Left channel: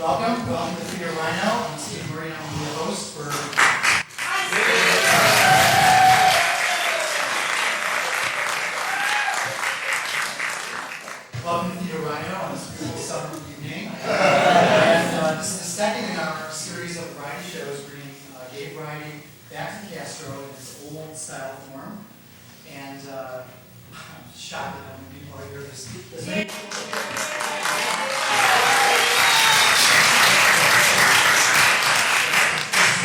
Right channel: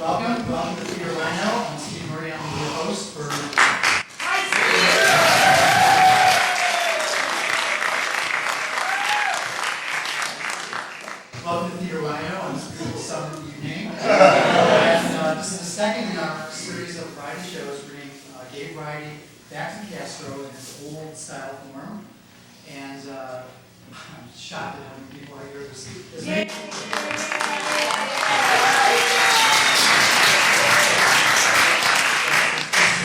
Welcome to VVII. I'm Steve Murray. I'm the host for. Welcome to VVII on this beautiful summer evening. And this is the second in our series of variety shows, bringing gay variety back to Castro in its old style form. And I'm shocked at how many people are here. There's many.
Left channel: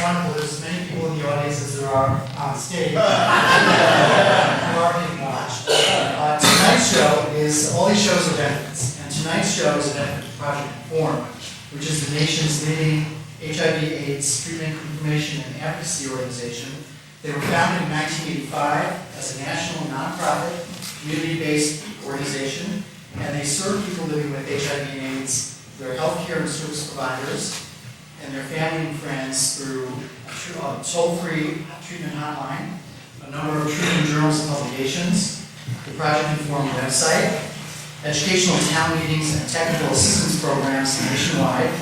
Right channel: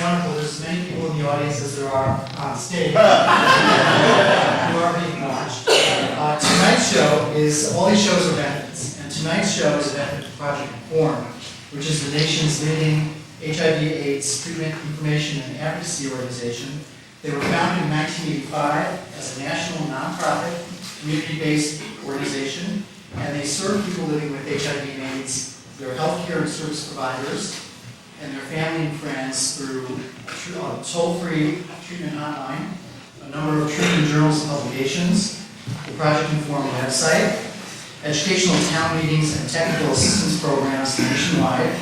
Wonderful. There's as many people in the audience as there are on stage who are being watched. Tonight's show is, all these shows are benefits, and tonight's show is a benefit to Project Inform, which is the nation's leading HIV/AIDS treatment, information, and advocacy organization. They were founded in 1985 as a national nonprofit, community-based organization, and they serve people living with HIV and AIDS, their healthcare and service providers, and their family and friends through a toll-free treatment hotline, a number of treatment journals and publications, the Project Inform website, educational town meetings and technical assistance programs nationwide,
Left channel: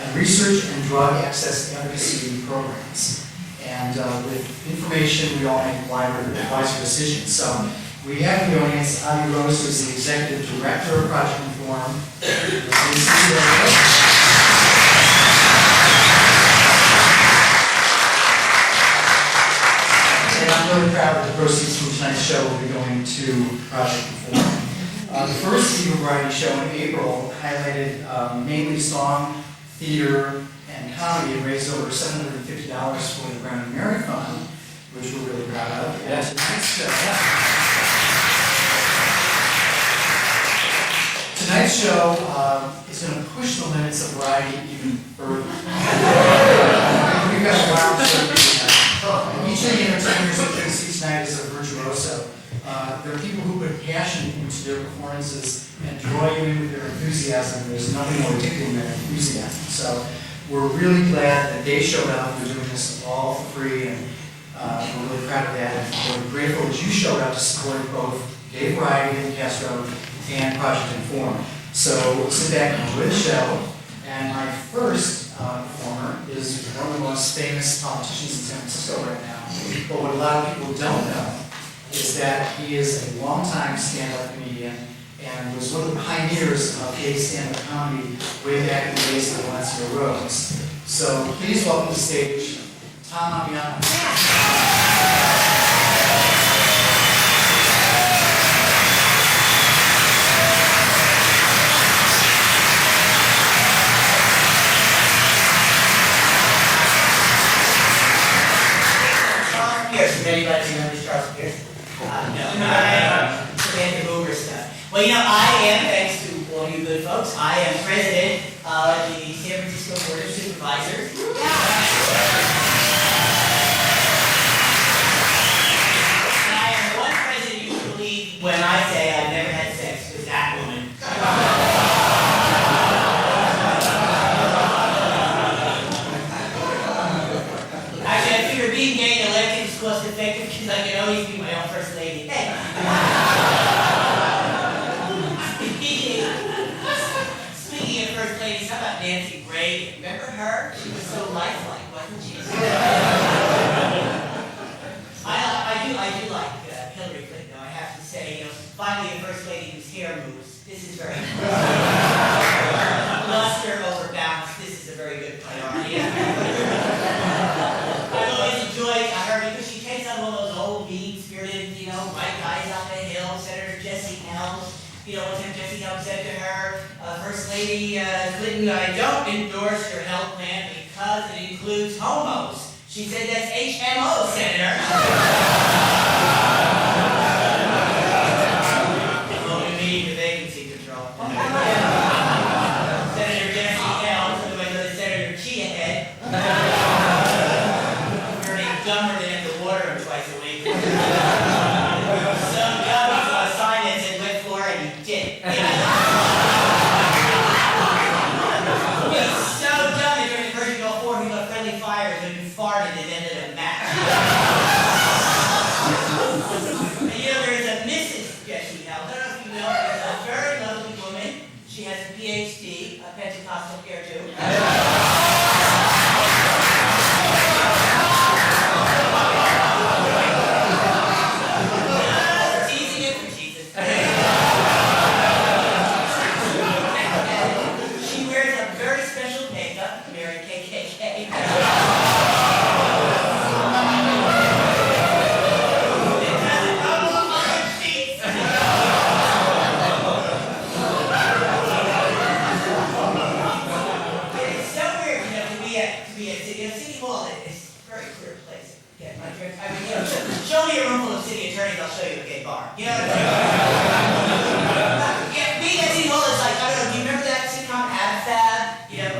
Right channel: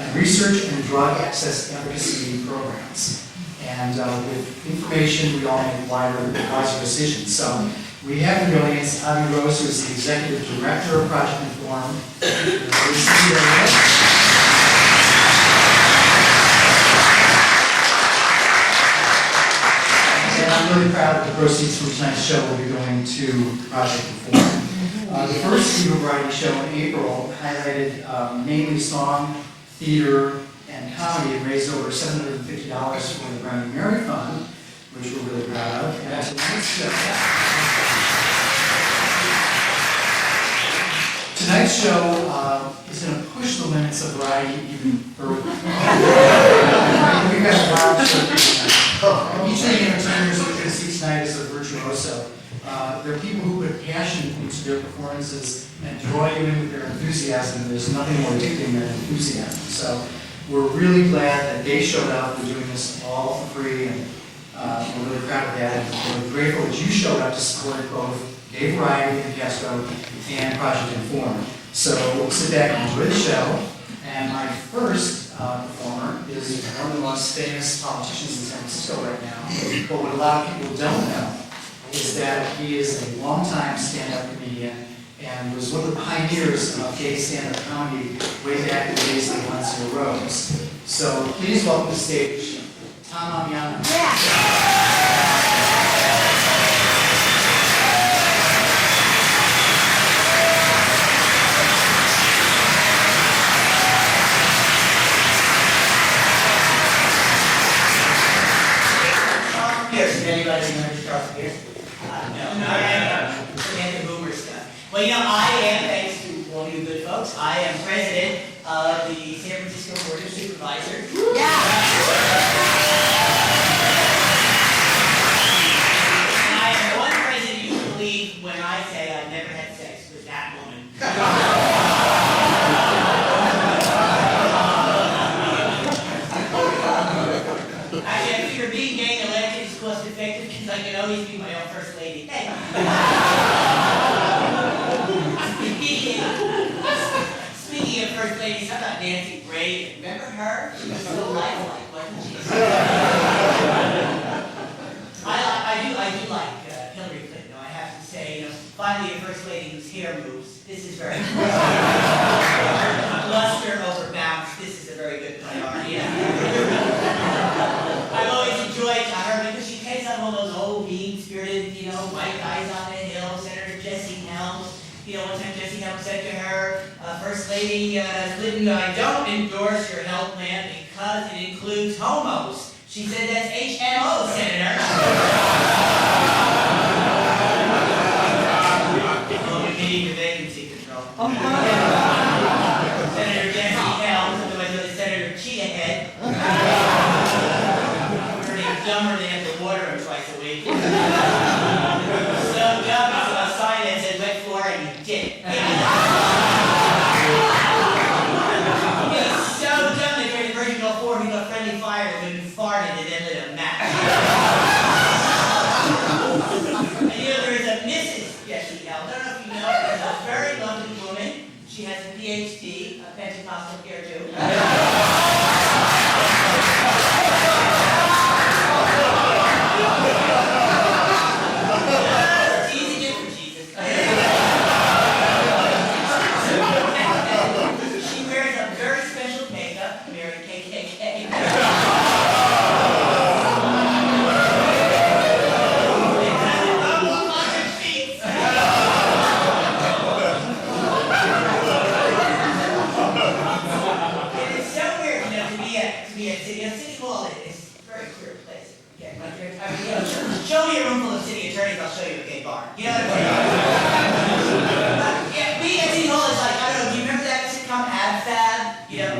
and research and drug access advocacy programs. And with information, we all make wiser decisions. So we have in the audience Avi Rose, who is the Executive Director of Project Inform. And I'm really proud that the proceeds from tonight's show will be going to Project Inform. The first Viva Variety show in April highlighted mainly song, theater, and comedy, and raised over $750 for the Brownie Mary Fund, which we're really proud of. And tonight's show is going to push the limits of variety even further. We've got a wild show tonight. Each of the entertainers that you're going to see tonight is a virtuoso. They're people who put passion into their performances and draw you in with their enthusiasm. There's nothing more addicting than enthusiasm. So we're really glad that they showed up. We're doing this all for free, and we're really proud of that. And we're grateful that you showed up to support both Gay Variety in Castro and Project Inform. So we'll sit back and enjoy the show. And my first performer is one of the most famous politicians in San Francisco right now. But what a lot of people don't know is that he is a longtime stand-up comedian and was one of the pioneers of gay stand-up comedy way back in the days of Valencia Rose. So please welcome to the stage Tom Amiano. Does anybody remember Charles Pierce? No. Samantha Boomer stuff. Well, I am, thanks to all you good folks, I am president of the San Francisco Board of Supervisors. And I am one president you can believe when I say I never had sex with that woman. Actually, I figure being gay and elected is cost effective because I can always be my own first lady. Hey. Speaking of first ladies, how about Nancy Reagan? Remember her? She was so lifelike, wasn't she? I do like Hillary Clinton, though, I have to say. Finally a first lady whose hair moves. This is very important. Luster over balance. This is a very good priority. I've always enjoyed her because she takes on all those old, mean-spirited, white guys on the hill. Senator Jesse Helms. One time Jesse Helms said to her, First Lady Clinton, I don't endorse your health plan because it includes homos. She said, that's HMO, Senator. Only meeting the vacancy control. Senator Jesse Helms, otherwise known as Senator Cheetah dumber than have to water him twice a week. So dumb he saw a sign that said wet floor and he did it. He's so dumb that during the Persian Gulf War he thought friendly fire had been farted and then lit a match. Pentecostal here too. Teasing it for Jesus. She wears a very special makeup, Mary KKK. City Hall is a very clear place. Yeah, I mean, show me a room full of city attorneys, I'll show you a gay bar. You know what I mean? Yeah, being at City Hall is like, I don't know, do you remember that sitcom Ab Fab? You know,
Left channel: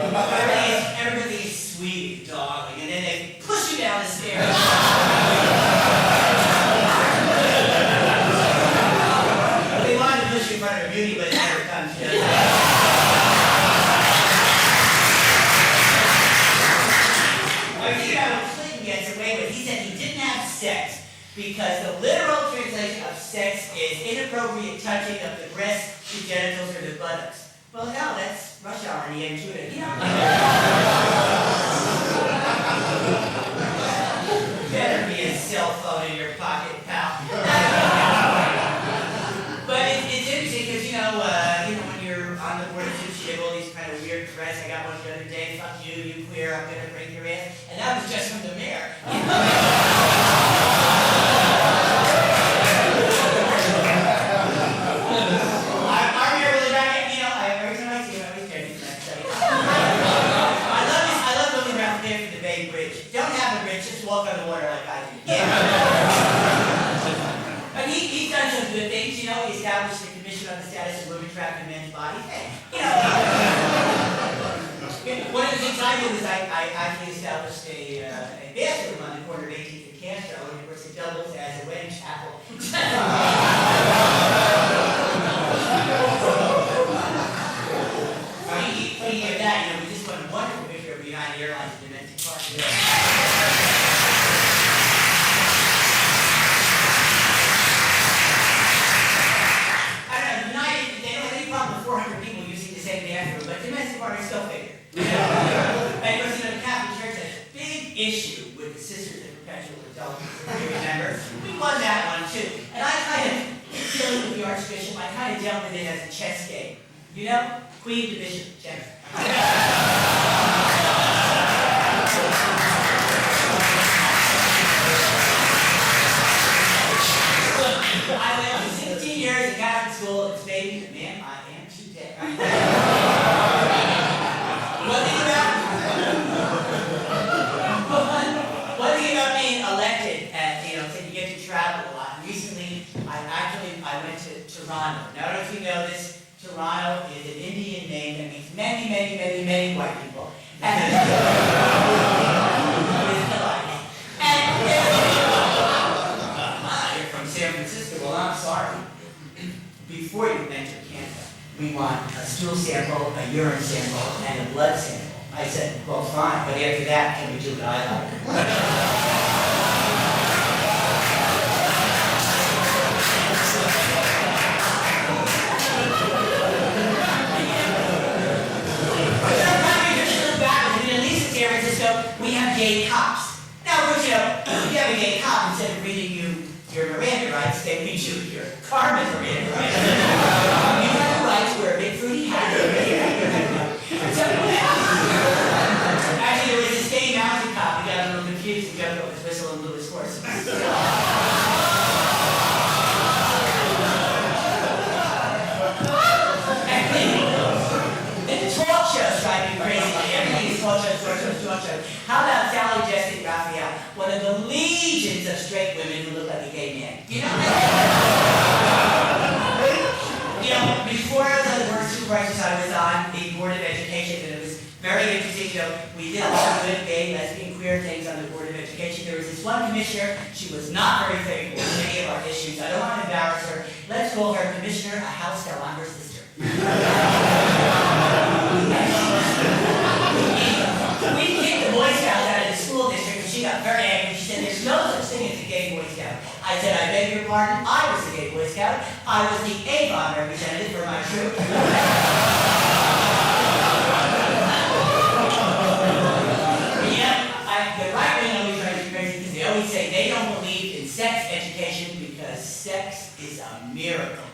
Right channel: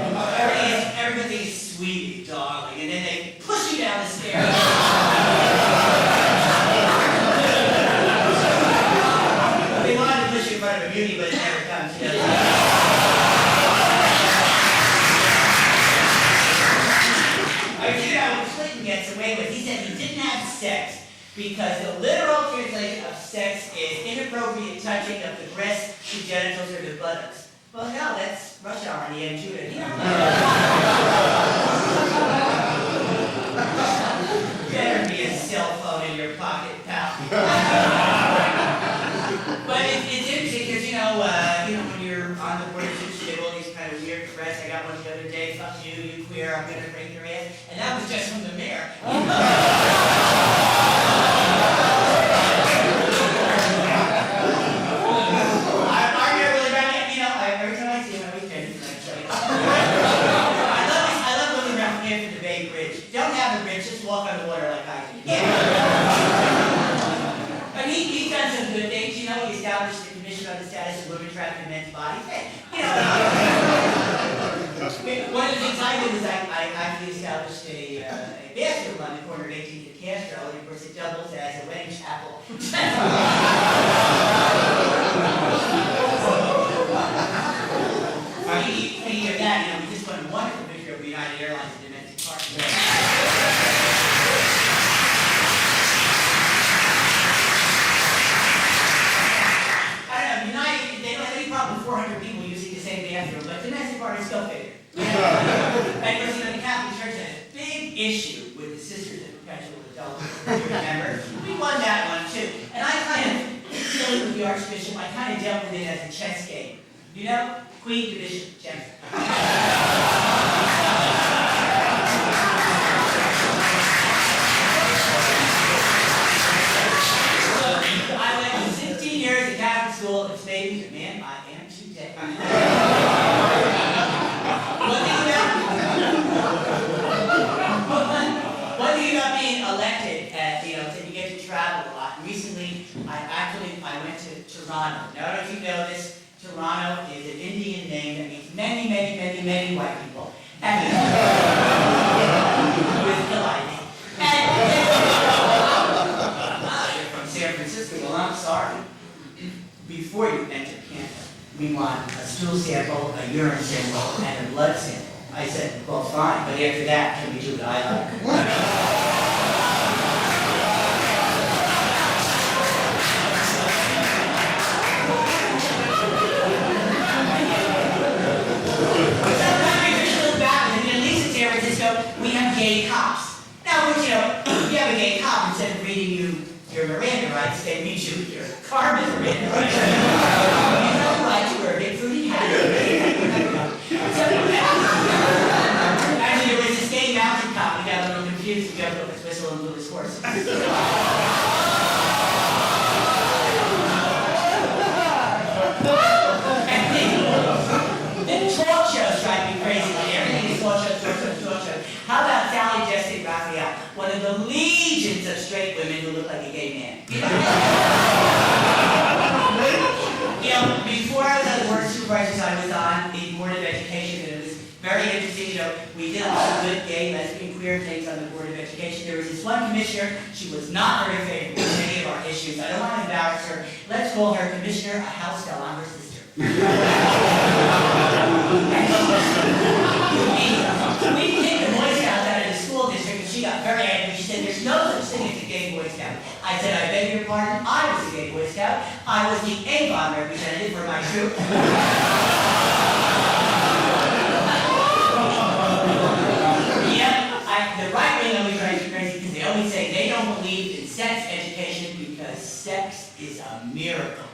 everything is sweet, darling, and then they push you down the stairs. They wanted to push you in front of a beauty, but it never comes, you know. Clinton gets away with. He said he didn't have sex because the literal translation of sex is inappropriate touching of the breasts, the genitals, or the buttocks. Well, hell, that's rush hour in the M2 to, you know. Better be a cell phone in your pocket, pal. But it's interesting because, you know, when you're on the board of supervisors, you have all these kind of weird threats. I got one the other day, fuck you, you queer, I'm gonna break your ass. And that was just from the mayor. Our mayor really ran it, you know, every time I see him, I always try to I love looking around the Bay Bridge. Don't have a bridge, just walk on the water like I do. Yeah. But he's done some good things, you know, he established the Commission on the Status of Women Trapped in Men's Bodies. Hey, you know, one of the things I did is I actually established a bathroom on the corner of 18th and Castro, and of course it doubles as a wedding chapel. Speaking of that, you know, we just won a wonderful picture of United Airlines at Domestic Park. United, they don't have any problem with 400 people using the same bathroom, but domestic parties go figure. And of course, you know, the Catholic Church had a big issue with the Sisters of Perpetual Adultery, if you remember. We won that one too. And I kind of, dealing with the Archbishop, I kind of dealt with it as a chess game. You know? Queen to Bishop, chess. I went to 16 years at Catholic school, and it's made me the man I am today. One thing about being elected, you know, so you get to travel a lot. Recently, I went to Toronto. Now, I don't know if you know this, Toronto is an Indian name that means many, many, many, many white people. And you're from San Francisco. Well, I'm sorry. Before you enter Canada, we want a stool sample, a urine sample, and a blood sample. I said, well, fine, but after that, can we do what I like? San Francisco, we have gay cops. Now, of course, you know, if you have a gay cop, instead of reading you your Miranda rights, they read you your Carmen Miranda rights. You have the right to wear a big fruity hat. Actually, there was this gay mountain cop. We got a little confused. He jumped up his whistle and blew his horse. Talk shows drive me crazy. Everything is talk shows. How about Sally Jessica Raphael, one of the legions of straight women who look like a gay man? You know, before I was on the Board of Supervisors, I was on the Board of Education, and it was very interesting. You know, we did a lot of good gay, lesbian, queer things on the Board of Education. There was this one commissioner. She was not very favorable to any of our issues. I don't want to embarrass her. Let's call her Commissioner a house fell on her sister. We kicked the Boy Scouts out of the school district, and she got very angry. She said, there's no such thing as a gay Boy Scout. I said, I beg your pardon, I was a gay Boy Scout. I was the Avon representative for my troop. a miracle.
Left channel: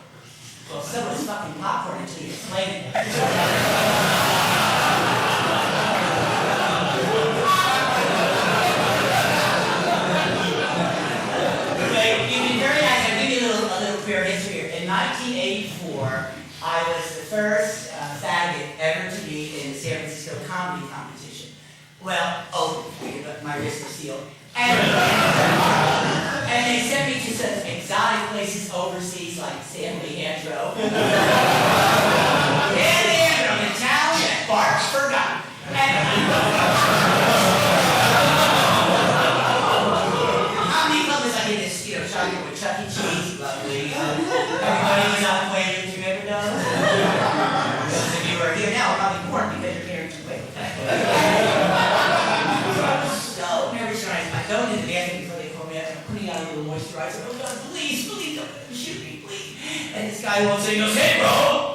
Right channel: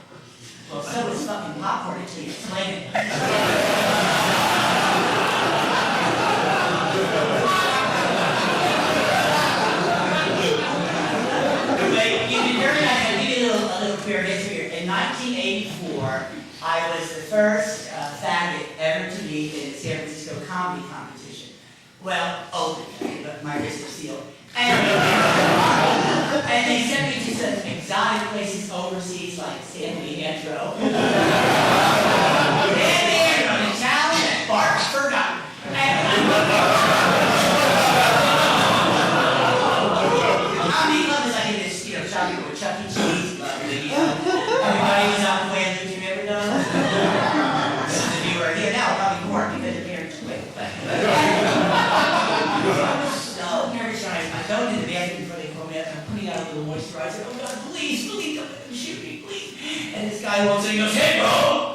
Well, so is fucking popcorn until you explain it. But you've been very nice. I'll give you a little queer history here. In 1984, I was the first faggot ever to be in the San Francisco comedy competition. Well, my wrist is sealed. And they sent me to some exotic places overseas like San Leandro. San Leandro, the town that Bart forgot. The comedy club is like in this, shopping with Chuck E. Cheese, lovely. Everybody was out the way, do you remember those? Those of you who are here now are probably bored because you're married too quick. So nervous when I go into the bathroom before they call me up and I'm putting out a little moisturizer. Oh God, please, don't let them shoot me, please. And this guy walks in and goes, "Hey bro,